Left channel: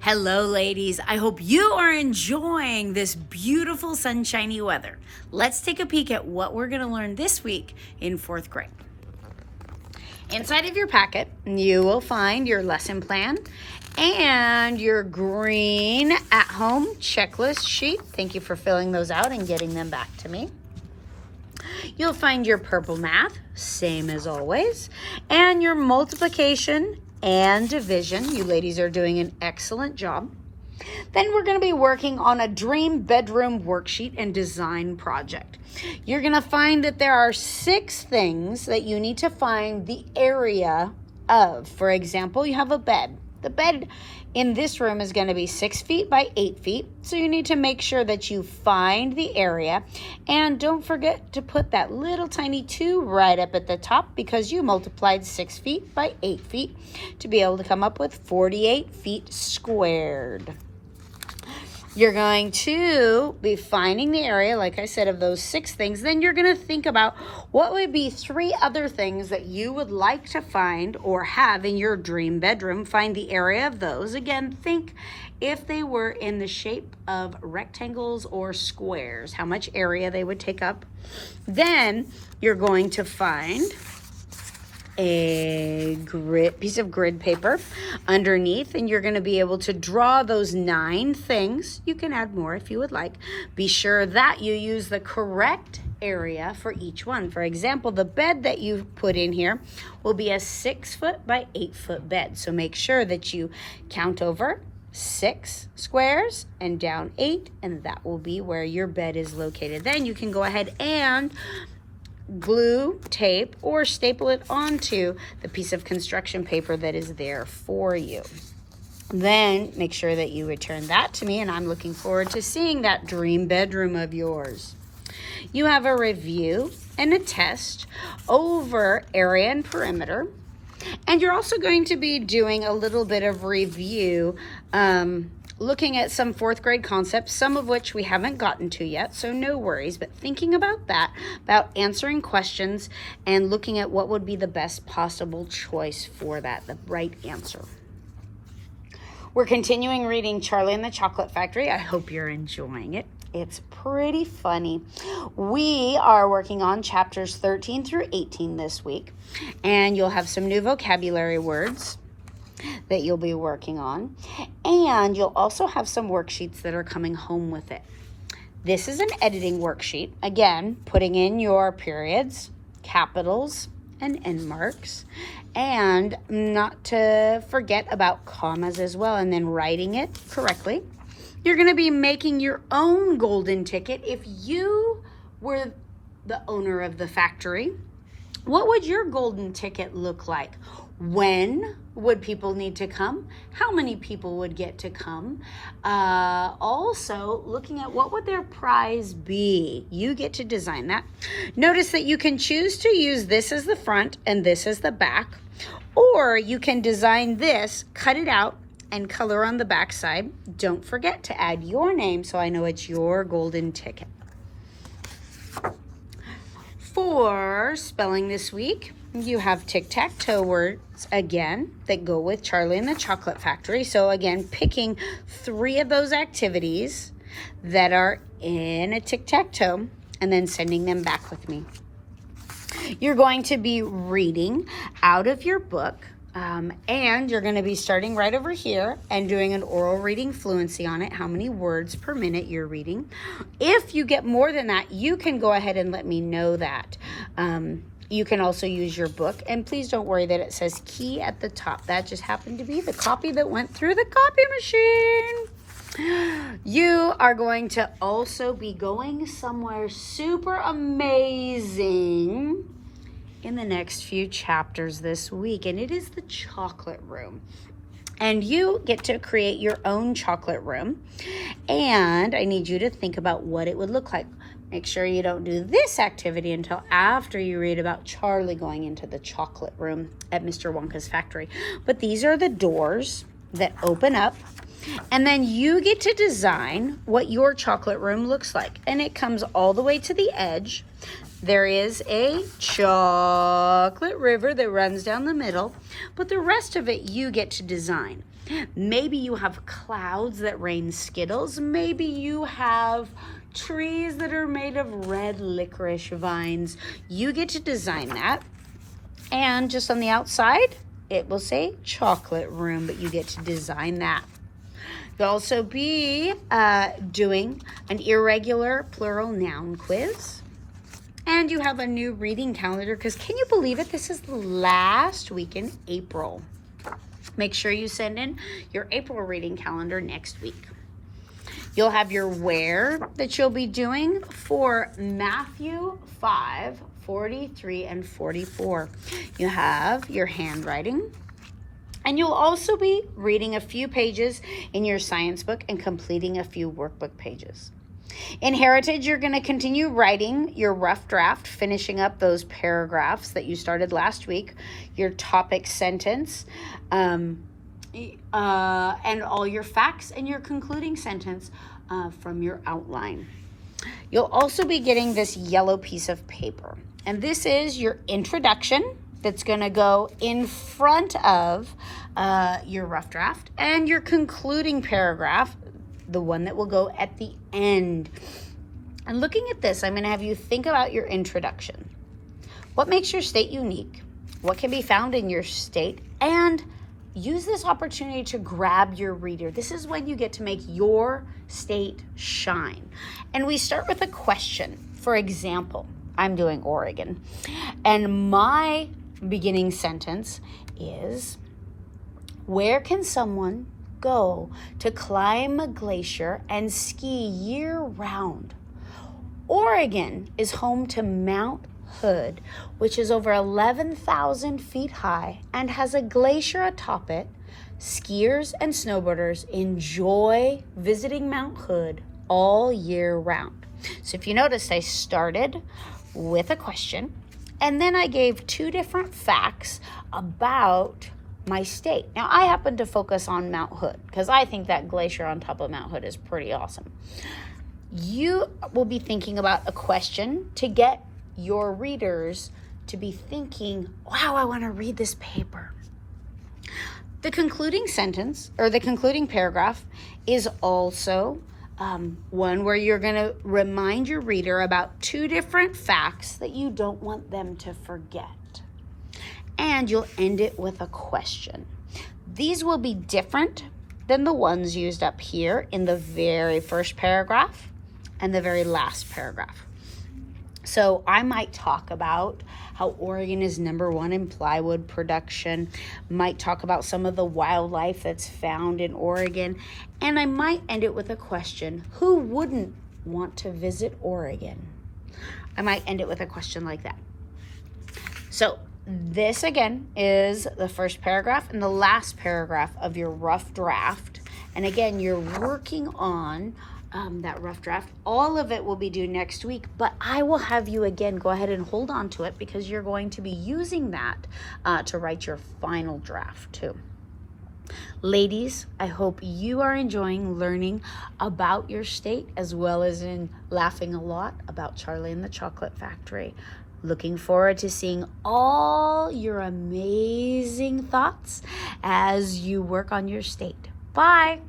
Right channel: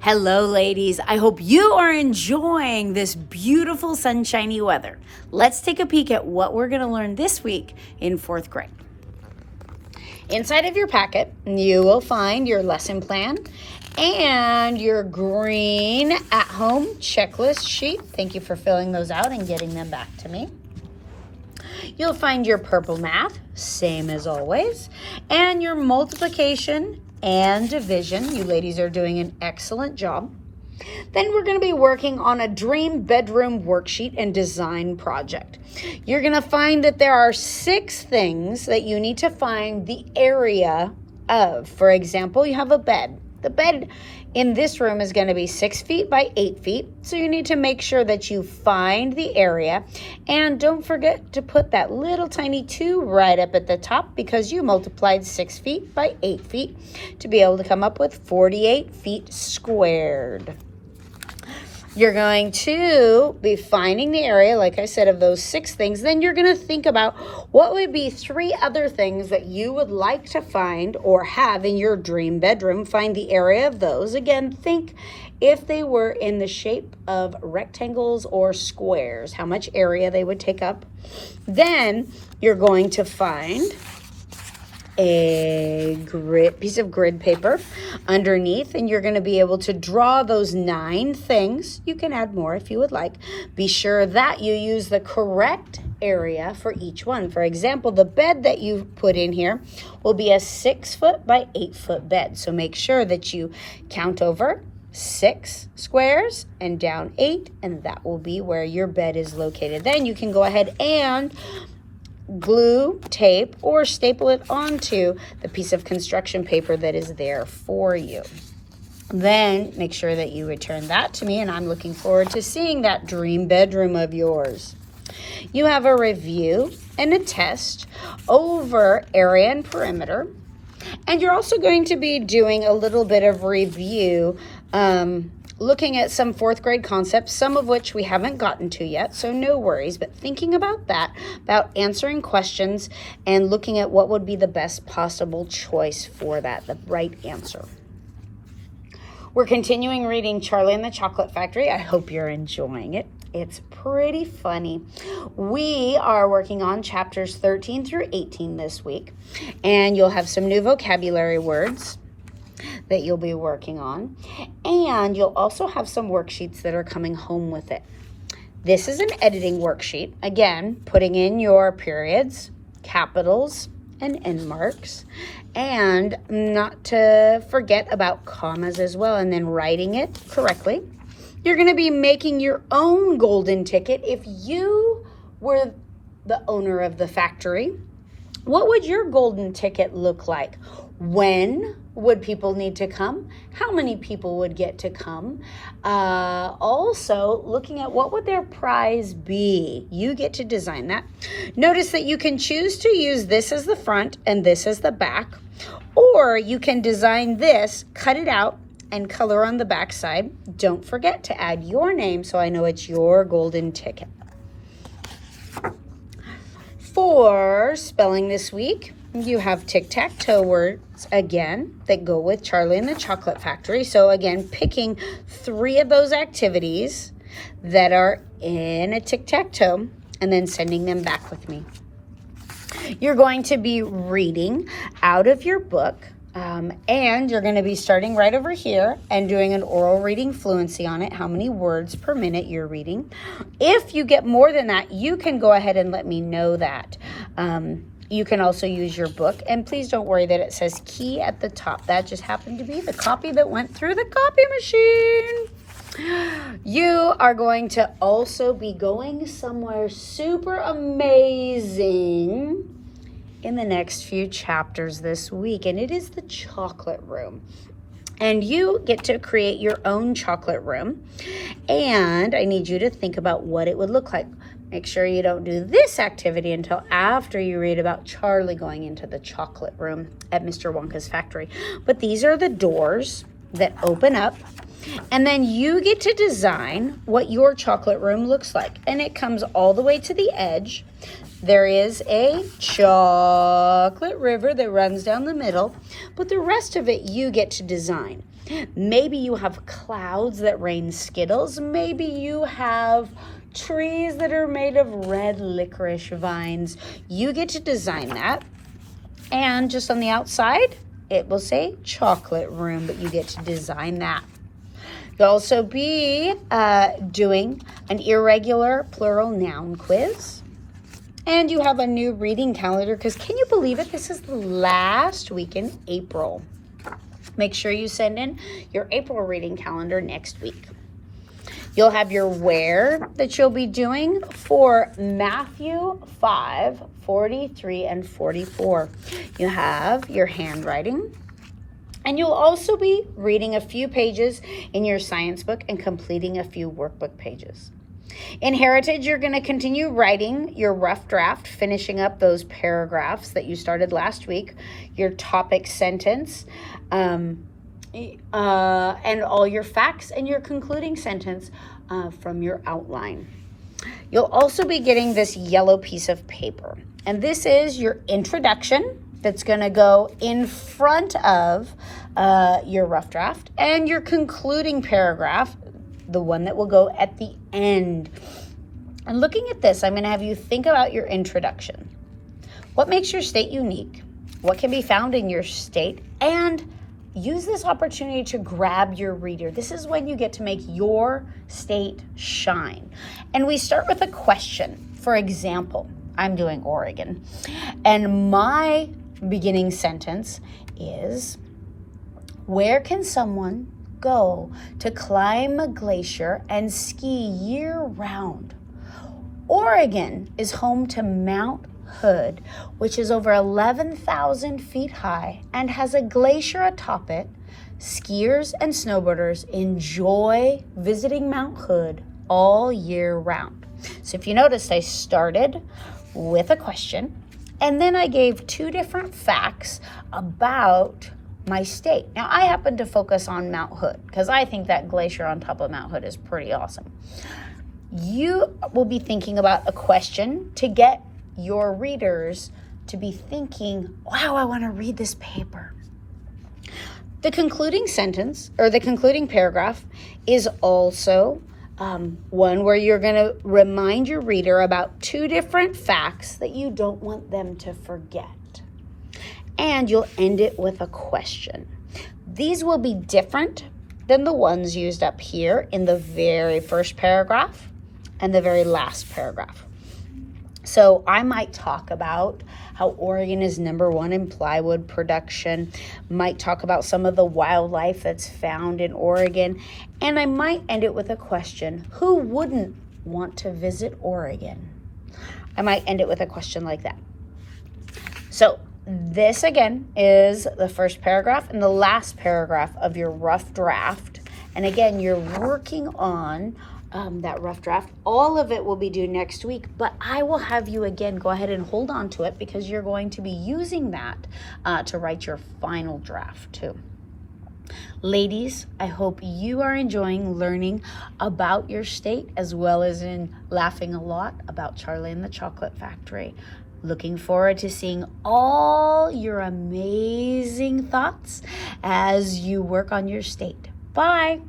Hello, ladies. I hope you are enjoying this beautiful sunshiny weather. Let's take a peek at what we're going to learn this week in fourth grade. Inside of your packet, you will find your lesson plan and your green at-home checklist sheet. Thank you for filling those out and getting them back to me. You'll find your purple math, same as always, and your multiplication and division. You ladies are doing an excellent job. Then we're going to be working on a dream bedroom worksheet and design project. You're going to find that there are 6 things that you need to find the area of. For example, you have a bed. The bed in this room is going to be 6 feet by 8 feet. So you need to make sure that you find the area. And don't forget to put that little tiny 2 right up at the top because you multiplied 6 feet by 8 feet to be able to come up with 48 feet squared. You're going to be finding the area, like I said, of those 6 things. Then you're going to think about what would be 3 other things that you would like to find or have in your dream bedroom. Find the area of those. Again, think if they were in the shape of rectangles or squares, how much area they would take up. Then you're going to find a piece of grid paper underneath, and you're going to be able to draw those 9 things. You can add more if you would like. Be sure that you use the correct area for each one. For example, the bed that you put in here will be a 6 foot by 8 foot bed. So make sure that you count over 6 squares and down 8, and that will be where your bed is located. Then you can go ahead and glue, tape, or staple it onto the piece of construction paper that is there for you. Then make sure that you return that to me, and I'm looking forward to seeing that dream bedroom of yours. You have a review and a test over area and perimeter, and you're also going to be doing a little bit of review, looking at some 4th grade concepts, some of which we haven't gotten to yet, so no worries, but thinking about that, about answering questions and looking at what would be the best possible choice for that, the right answer. We're continuing reading Charlie and the Chocolate Factory. I hope you're enjoying it. It's pretty funny. We are working on chapters 13 through 18 this week, and you'll have some new vocabulary words that you'll be working on, and you'll also have some worksheets that are coming home with it. This is an editing worksheet, again putting in your periods, capitals, and end marks, and not to forget about commas as well, and then writing it correctly. You're going to be making your own golden ticket. If you were the owner of the factory, what would your golden ticket look like? When would people need to come? How many people would get to come? Also, looking at what would their prize be? You get to design that. Notice that you can choose to use this as the front and this as the back, or you can design this, cut it out, and color on the back side. Don't forget to add your name so I know it's your golden ticket. For spelling this week, you have tic-tac-toe words again that go with Charlie and the Chocolate Factory. So again, picking 3 of those activities that are in a tic-tac-toe and then sending them back with me. You're going to be reading out of your book, and you're going to be starting right over here and doing an oral reading fluency on it, how many words per minute you're reading. If you get more than that, you can go ahead and let me know that. You can also use your book, and please don't worry that it says key at the top. That just happened to be the copy that went through the copy machine. You are going to also be going somewhere super amazing in the next few chapters this week, and it is the chocolate room. And you get to create your own chocolate room, and I need you to think about what it would look like. Make sure you don't do this activity until after you read about Charlie going into the chocolate room at Mr. Wonka's factory. But these are the doors that open up, and then you get to design what your chocolate room looks like. And it comes all the way to the edge. There is a chocolate river that runs down the middle, but the rest of it you get to design. Maybe you have clouds that rain Skittles. Maybe you have trees that are made of red licorice vines. You get to design that. And just on the outside, it will say chocolate room, but you get to design that. You'll also be doing an irregular plural noun quiz. And you have a new reading calendar because can you believe it? This is the last week in April. Make sure you send in your April reading calendar next week. You'll have your where that you'll be doing for Matthew 5, 43 and 44. You have your handwriting. And you'll also be reading a few pages in your science book and completing a few workbook pages. In Heritage, you're going to continue writing your rough draft, finishing up those paragraphs that you started last week, your topic sentence, and all your facts and your concluding sentence from your outline. You'll also be getting this yellow piece of paper, and this is your introduction that's going to go in front of your rough draft, and your concluding paragraph, the one that will go at the end. And looking at this, I'm going to have you think about your introduction. What makes your state unique? What can be found in your state? And use this opportunity to grab your reader. This is when you get to make your state shine. And we start with a question. For example, I'm doing Oregon. And my beginning sentence is, where can someone go to climb a glacier and ski year-round? Oregon is home to Mount Hood, which is over 11,000 feet high and has a glacier atop it. Skiers and snowboarders enjoy visiting Mount Hood all year round. So if you noticed, I started with a question, and then I gave two different facts about my state. Now, I happen to focus on Mount Hood because I think that glacier on top of Mount Hood is pretty awesome. You will be thinking about a question to get your readers to be thinking, wow, I want to read this paper. The concluding sentence or the concluding paragraph is also one where you're going to remind your reader about two different facts that you don't want them to forget. And you'll end it with a question. These will be different than the ones used up here in the very first paragraph and the very last paragraph. So I might talk about how Oregon is #1 in plywood production, might talk about some of the wildlife that's found in Oregon, and I might end it with a question. Who wouldn't want to visit Oregon? I might end it with a question like that. So this, again, is the first paragraph and the last paragraph of your rough draft. And again, you're working on that rough draft. All of it will be due next week, but I will have you, again, go ahead and hold on to it because you're going to be using that to write your final draft, too. Ladies, I hope you are enjoying learning about your state as well as in laughing a lot about Charlie and the Chocolate Factory. Looking forward to seeing all your amazing thoughts as you work on your state. Bye.